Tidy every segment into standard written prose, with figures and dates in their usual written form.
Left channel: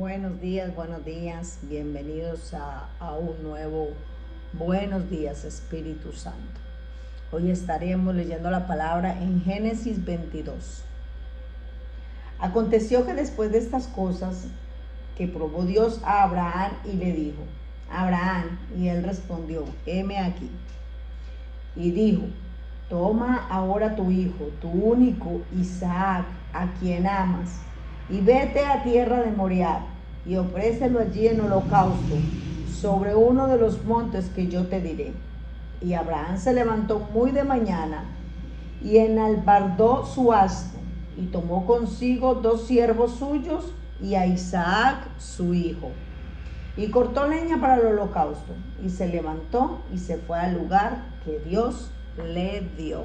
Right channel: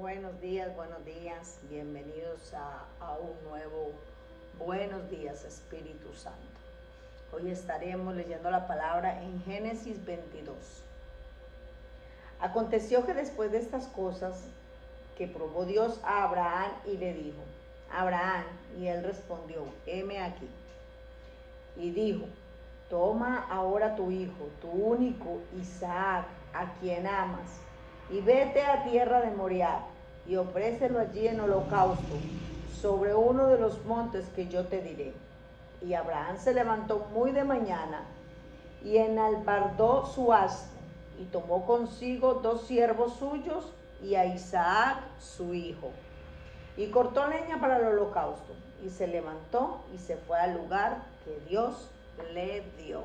Buenos días, bienvenidos a un nuevo Buenos días Espíritu Santo. Hoy estaremos leyendo la palabra en Génesis 22. Aconteció que después de estas cosas, que probó Dios a Abraham y le dijo, Abraham, y él respondió, heme aquí. Y dijo, toma ahora tu hijo, tu único Isaac, a quien amas, y vete a tierra de Moriah, y ofrécelo allí en holocausto, sobre uno de los montes que yo te diré. Y Abraham se levantó muy de mañana, y enalbardó su asno, y tomó consigo 2 siervos suyos, y a Isaac su hijo, y cortó leña para el holocausto, y se levantó y se fue al lugar que Dios le dio.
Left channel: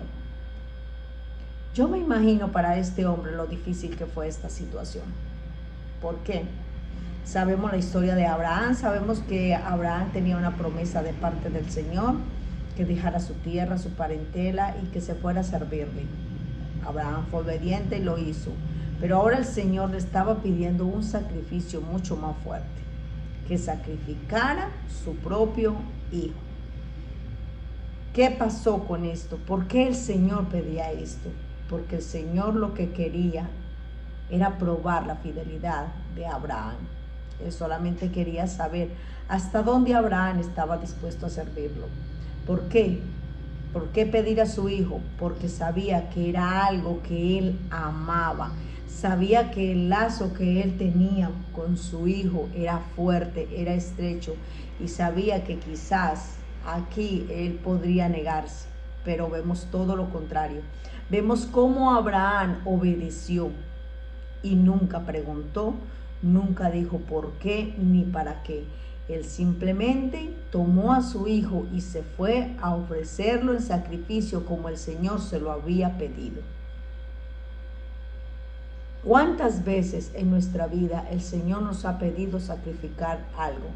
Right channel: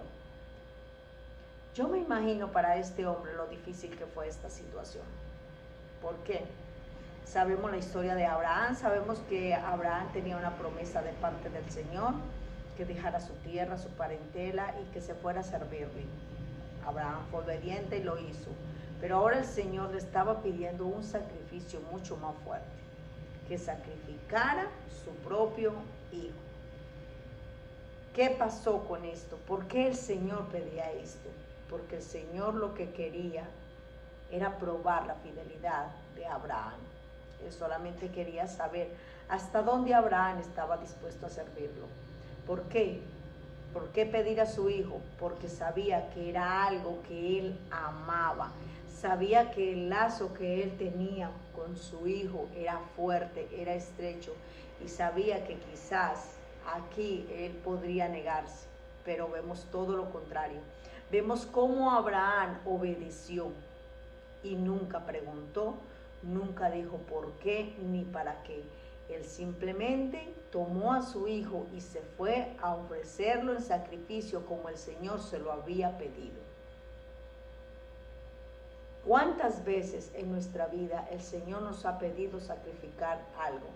Yo me imagino para este hombre lo difícil que fue esta situación. ¿Por qué? Sabemos la historia de Abraham, sabemos que Abraham tenía una promesa de parte del Señor, que dejara su tierra, su parentela y que se fuera a servirle. Abraham fue obediente y lo hizo, pero ahora el Señor le estaba pidiendo un sacrificio mucho más fuerte, que sacrificara su propio hijo. ¿Qué pasó con esto? ¿Por qué el Señor pedía esto? Porque el Señor lo que quería era probar la fidelidad de Abraham. Él solamente quería saber hasta dónde Abraham estaba dispuesto a servirlo. ¿Por qué? ¿Por qué pedir a su hijo? Porque sabía que era algo que él amaba. Sabía que el lazo que él tenía con su hijo era fuerte, era estrecho, y sabía que quizás aquí él podría negarse, pero vemos todo lo contrario. Vemos cómo Abraham obedeció y nunca preguntó, nunca dijo por qué ni para qué. Él simplemente tomó a su hijo y se fue a ofrecerlo en sacrificio como el Señor se lo había pedido. ¿Cuántas veces en nuestra vida el Señor nos ha pedido sacrificar algo?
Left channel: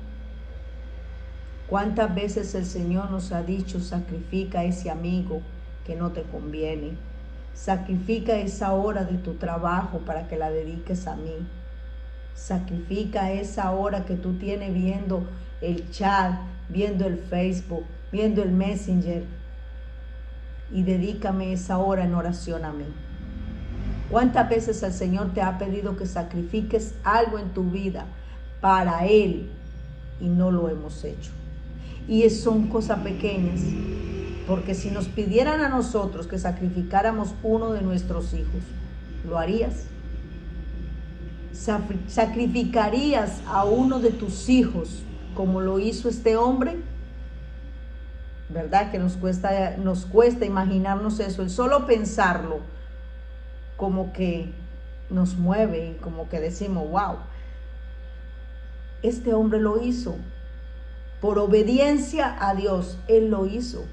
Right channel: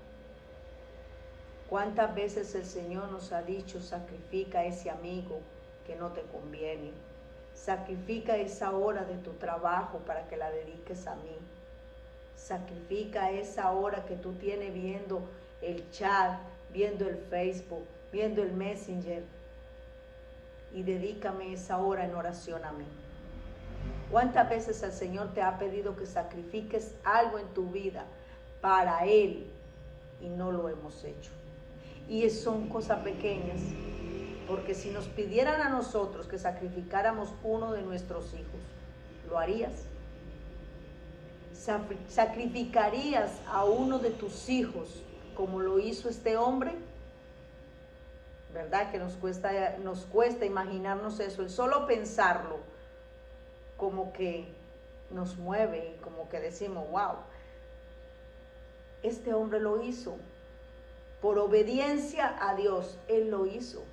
¿Cuántas veces el Señor nos ha dicho, sacrifica a ese amigo que no te conviene? Sacrifica esa hora de tu trabajo para que la dediques a mí. Sacrifica esa hora que tú tienes viendo el chat, viendo el Facebook, viendo el Messenger, y dedícame esa hora en oración a mí. ¿Cuántas veces el Señor te ha pedido que sacrifiques algo en tu vida para Él y no lo hemos hecho? Y son cosas pequeñas, porque si nos pidieran a nosotros que sacrificáramos uno de nuestros hijos, ¿lo harías? ¿Sacrificarías a uno de tus hijos como lo hizo este hombre? ¿Verdad que nos cuesta imaginarnos eso? El solo pensarlo como que nos mueve y como que decimos, wow, este hombre lo hizo. Por obediencia a Dios, Él lo hizo.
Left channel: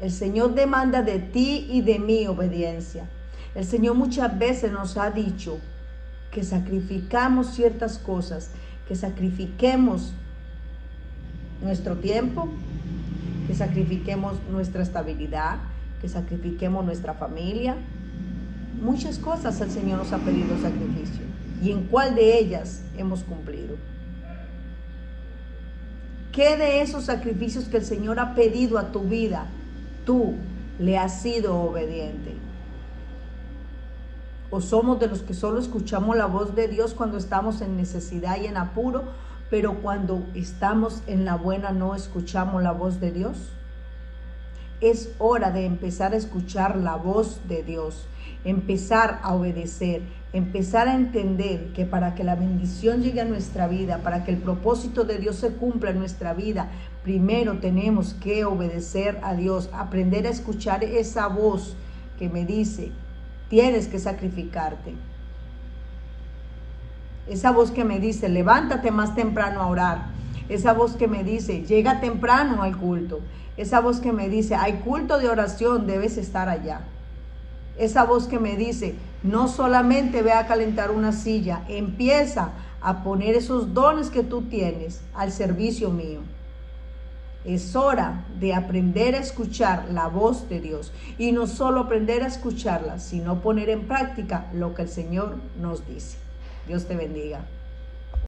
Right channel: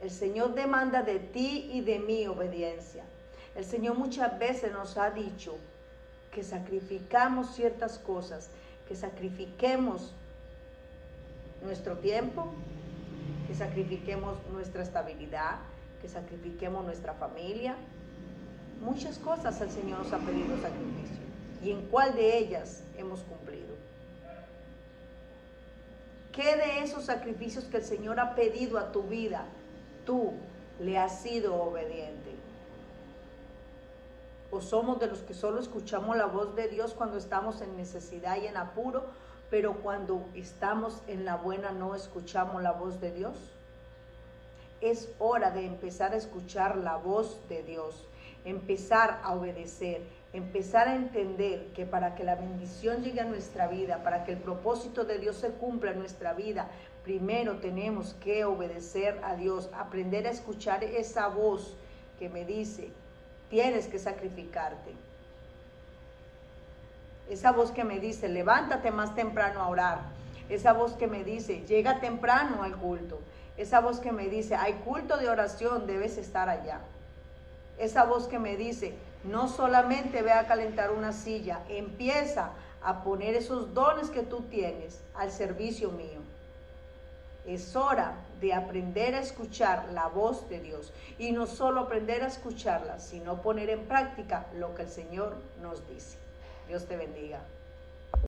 El Señor demanda de ti y de mí obediencia. El Señor muchas veces nos ha dicho que sacrificamos ciertas cosas, que sacrifiquemos nuestro tiempo, que sacrifiquemos nuestra estabilidad, que sacrifiquemos nuestra familia. Muchas cosas el Señor nos ha pedido sacrificio. ¿Y en cuál de ellas hemos cumplido? ¿Qué de esos sacrificios que el Señor ha pedido a tu vida, tú le has sido obediente? ¿O somos de los que solo escuchamos la voz de Dios cuando estamos en necesidad y en apuro, pero cuando estamos en la buena no escuchamos la voz de Dios? Es hora de empezar a escuchar la voz de Dios, empezar a obedecer, empezar a entender que para que la bendición llegue a nuestra vida, para que el propósito de Dios se cumpla en nuestra vida, primero tenemos que obedecer a Dios, aprender a escuchar esa voz que me dice, tienes que sacrificarte. Esa voz que me dice, levántate más temprano a orar. Esa voz que me dice, llega temprano al culto. Esa voz que me dice, hay culto de oración, debes estar allá. Esa voz que me dice, no solamente ve a calentar una silla, empieza a poner esos dones que tú tienes al servicio mío. Es hora de aprender a escuchar la voz de Dios. Y no solo aprender a escucharla, sino poner en práctica lo que el Señor nos dice. Dios te bendiga.